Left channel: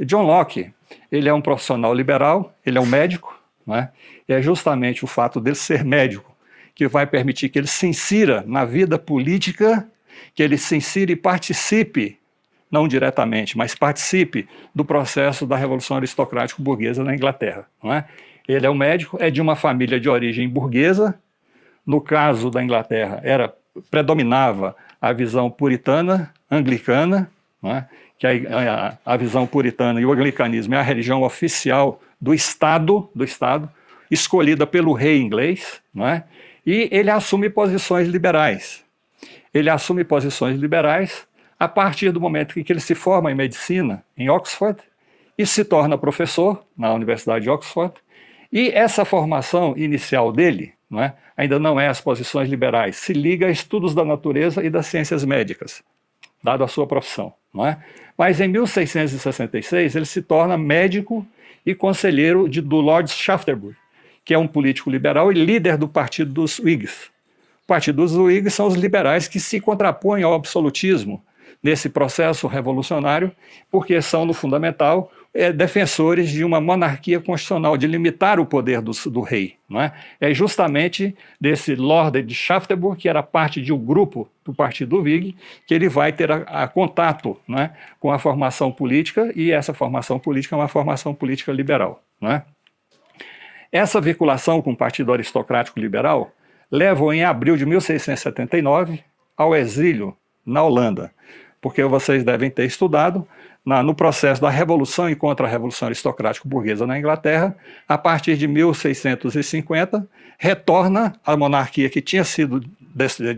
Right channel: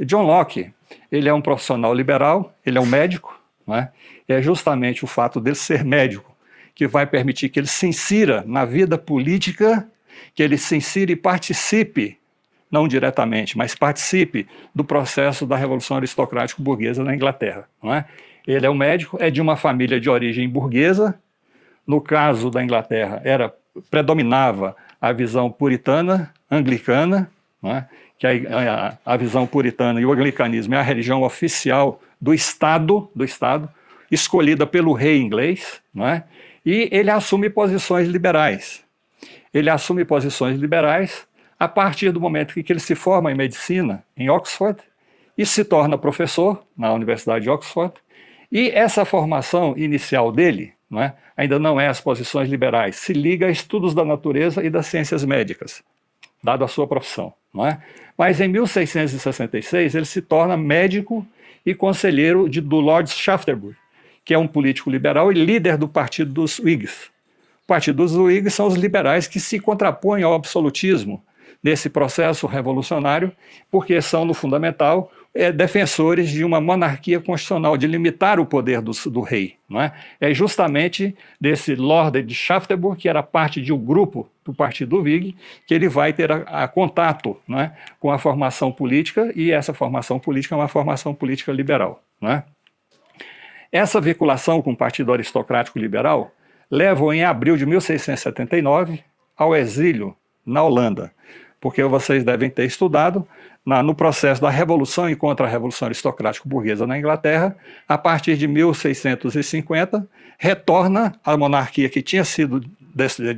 John Locke, ele é um profissional liberal, ele é um médico, não é? É justamente o fato dele ser médico que vai permitir que ele se insira na vida política, que ele se insira e participe, não diretamente, mas participe do processo da Revolução Aristocrático-Burguesa na Inglaterra, não é? Ele é um médico, é de uma família de origem burguesa. No caso da Inglaterra, predominava a visão puritana, anglicana, não é? Que a visão puritana e o anglicanismo é a religião oficial do Estado, escolhida pelo rei inglês, não é? E ele assume posições liberais. Ele assume posições liberais a partir do momento em que ele se forma em medicina em Oxford e se torna professor na Universidade de Oxford. E essa formação inicial dele, né, ainda não é as posições liberais, se liga a estudos da natureza e das ciências médicas, dada a sua profissão. Não é? Mas em 1666 ele se torna médico e conselheiro do Lord Shaftesbury, que é um político liberal e líder do Partido dos Whigs. O Partido dos Whigs são os liberais que se contrapõem ao absolutismo nesse processo revolucionário, porque são, no fundamental, defensores de uma monarquia constitucional, de limitar o poder do rei. Não é? É justamente desse Lord de Shaftesbury, que era parte de um grupo do Partido Whig, que ele vai ter a contato, não é, com a formação política, e essa formação política é uma formação política liberal. Não é? Essa vinculação com o Partido Aristocrático Liberal leva, em abril de 1679, ao exílio na Holanda, porque vocês devem ter estudado no processo da Revolução e contra a Revolução Aristocrático-Burguesa na Inglaterra. A partir de 1650, retorna a monarquia que tinha sido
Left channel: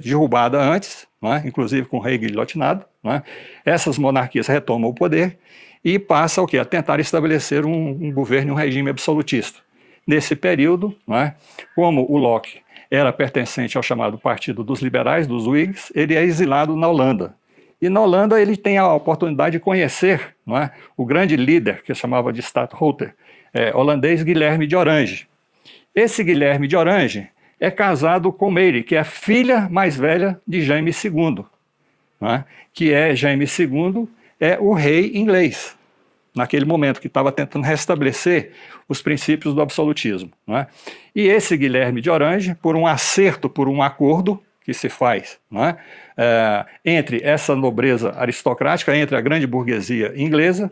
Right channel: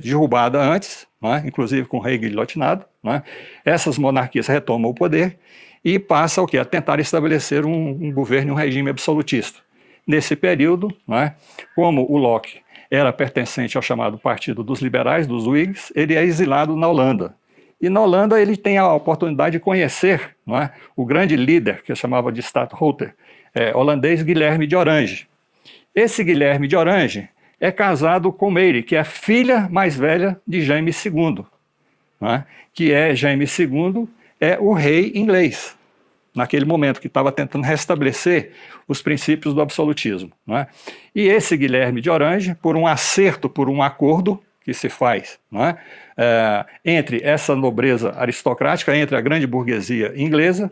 derrubada antes, né, inclusive com o rei guilhotinado. Né. Essas monarquias retomam o poder e passam a tentar estabelecer um governo, um regime absolutista. Nesse período, né, como o Locke era pertencente ao chamado Partido dos Liberais, dos Whigs, ele é exilado na Holanda. E na Holanda ele tem a oportunidade de conhecer, não é, o grande líder, que chamava de stadtholder, holandês, Guilherme de Orange. Esse Guilherme de Orange é casado com Mary, que é a filha mais velha de Jaime II, não é? Que Jaime II é o rei inglês, naquele momento, que estava tentando restabelecer os princípios do absolutismo. Não é? E esse Guilherme de Orange, por um acerto, por um acordo que se faz, não é? Entre essa nobreza aristocrática, entre a grande burguesia inglesa,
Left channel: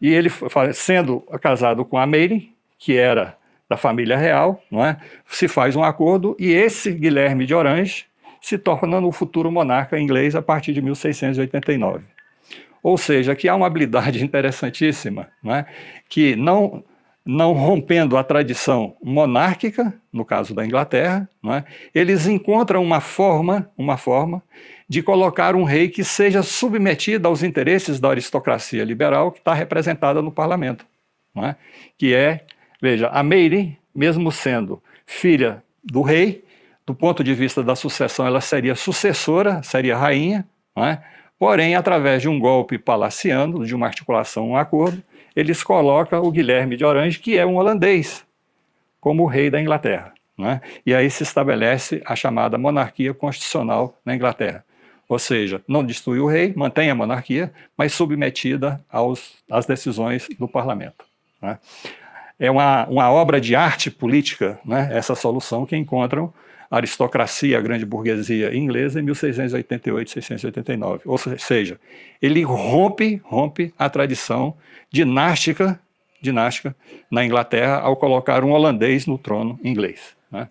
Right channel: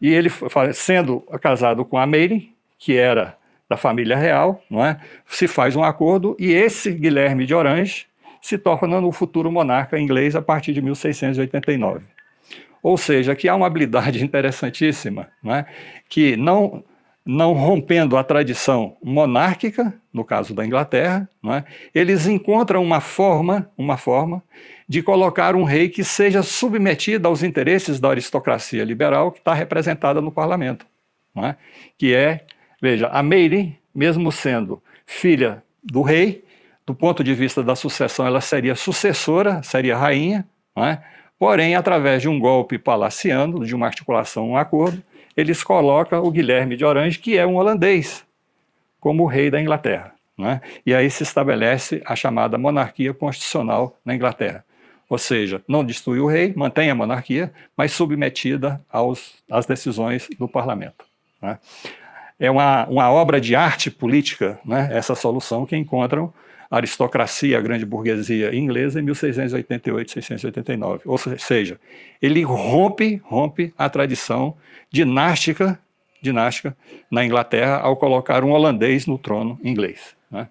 e ele, sendo casado com a Mary, que era da família real, não é? Se faz um acordo, e esse Guilherme de Orange se torna um futuro monarca inglês a partir de 1689. Ou seja, aqui há uma habilidade interessantíssima, não é? Que não rompendo a tradição monárquica, no caso da Inglaterra, não é? Eles encontram uma forma de colocar um rei que seja submetido aos interesses da aristocracia liberal que está representada no parlamento. Não é? Que veja, a Mary, mesmo sendo filha do rei, do ponto de vista da sucessão, ela seria sucessora, seria rainha, não é? Porém, através de um golpe palaciano, de uma articulação, um acordo, eles colocam o Guilherme de Orange, que é um holandês, como rei da Inglaterra. Né? E aí se estabelece a chamada monarquia constitucional na Inglaterra. Ou seja, não destrui o rei, mantém a monarquia, mas submetida às decisões do parlamento. Né? É uma obra de arte política, né, essa solução que encontram a aristocracia, a grande burguesia inglesa, em 1688, 1689. Ou seja, ele rompe a tradição dinástica na Inglaterra ao colocar um holandês no trono inglês. Né?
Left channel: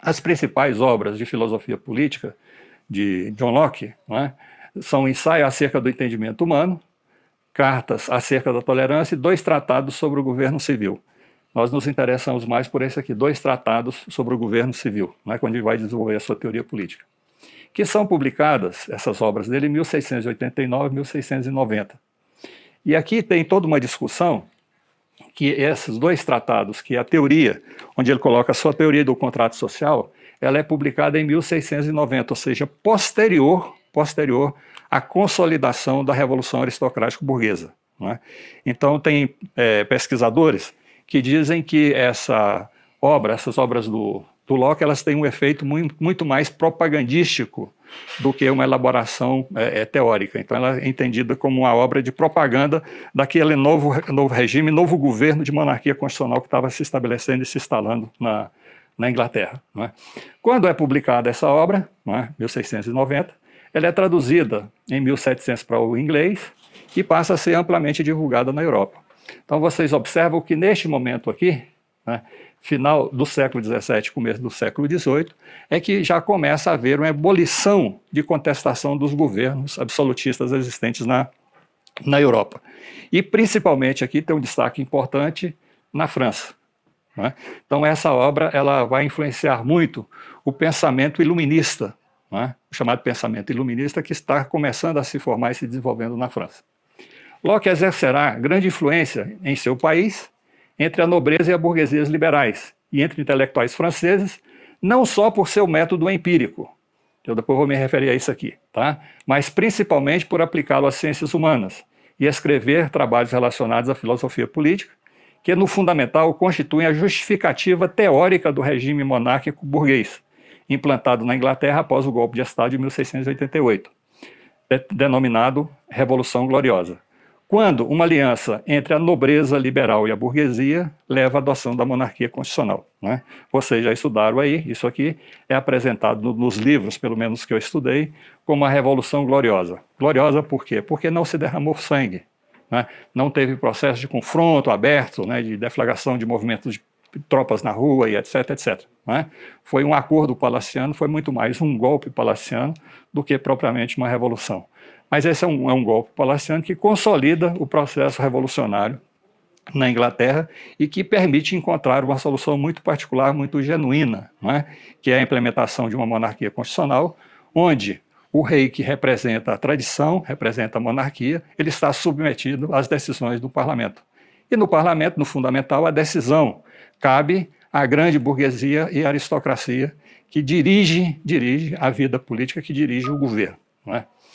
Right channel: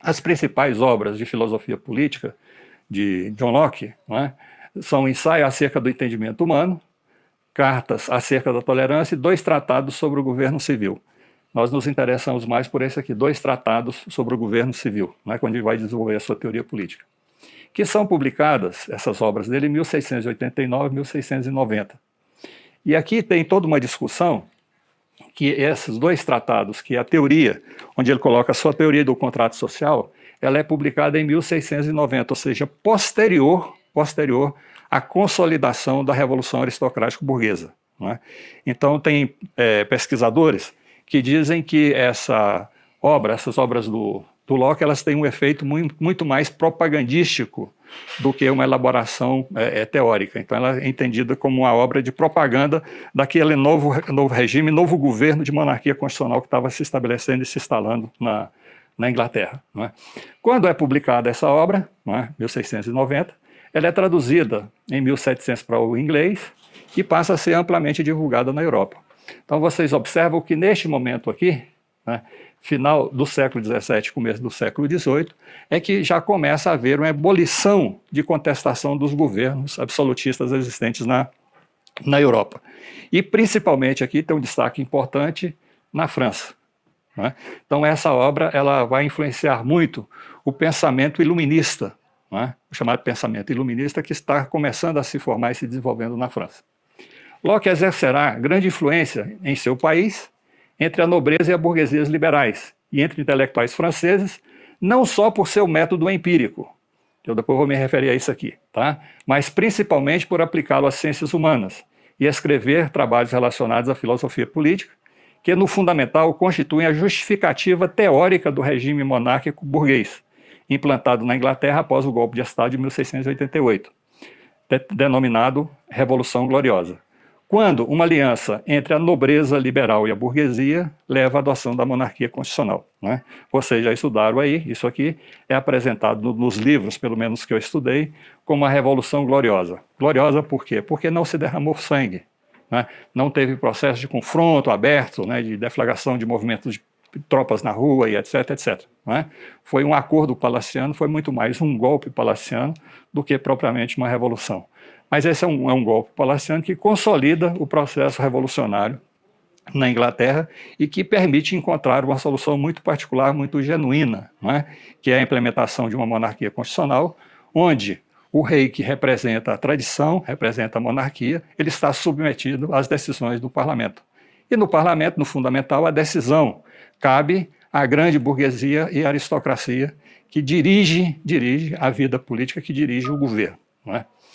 As principais obras de filosofia política de John Locke, né, são Ensaio acerca do entendimento humano, Cartas acerca da tolerância e 2 tratados sobre o governo civil. Nós nos interessamos mais por esse aqui, 2 tratados sobre o governo civil, né, quando ele vai desenvolver a sua teoria política, que são publicadas, essas obras dele, em 1689 e 1690. E aqui tem toda uma discussão que esses 2 tratados, que é a teoria, onde ele coloca a sua teoria do contrato social, ela é publicada em 1690, ou seja, posterior à consolidação da Revolução Aristocrático-Burguesa. Né? Então tem pesquisadores que dizem que essas obras do Locke, elas têm um efeito muito mais propagandístico do que uma elaboração teórica. Então, ela é entendida como uma obra de propaganda daquele novo regime, novo governo de monarquia constitucional que estava se estabelecendo e se instalando na Inglaterra. Né? Quando é publicada essa obra, né, 1690, ela é traduzida em 1700 para o inglês e passa a ser amplamente divulgada na Europa. Então, vocês observam que neste momento aqui, né, final do século XVII, começo do século XVIII, é que já começa a haver uma ebulição de contestação dos governos absolutistas existentes na Europa. E, principalmente, aqui tem um destaque importante na França. Né? Então, essa obra ela vai influenciar muito o pensamento iluminista, né? O chamado pensamento iluminista, que está começando a se formar e se desenvolvendo na França. Locke exercerá grande influência em seu país entre a nobreza e a burguesia liberais e entre intelectuais franceses, não só por seu método empírico, eu depois vou me referir a isso aqui, tá? Mas principalmente por aplicá-lo às ciências humanas e escrever trabalhos relacionados à filosofia política, que no fundamental constituem a justificativa teórica do regime monárquico burguês, implantado na Inglaterra após o golpe de Estado de 1688, denominado Revolução Gloriosa, quando uma aliança entre a nobreza liberal e a burguesia leva à adoção da monarquia constitucional. Né? Vocês já estudaram aí, isso aqui é apresentado nos livros, pelo menos que eu estudei, como a Revolução Gloriosa. Gloriosa por quê? Porque não se derramou sangue, né? Não teve processo de confronto aberto, né, de deflagração de movimentos de tropas na rua e etc, etc. Né? Foi um acordo palaciano, foi muito mais um golpe palaciano do que propriamente uma revolução. Mas esse é um golpe palaciano que consolida o processo revolucionário na Inglaterra e que permite encontrar uma solução muito particular, muito genuína, né? Que é a implementação de uma monarquia constitucional, onde o rei, que representa a tradição, representa a monarquia, ele está submetido às decisões do parlamento. E no parlamento, no fundamental, a decisão cabe à grande burguesia e aristocracia que dirige a vida política, que dirige o governo. Né?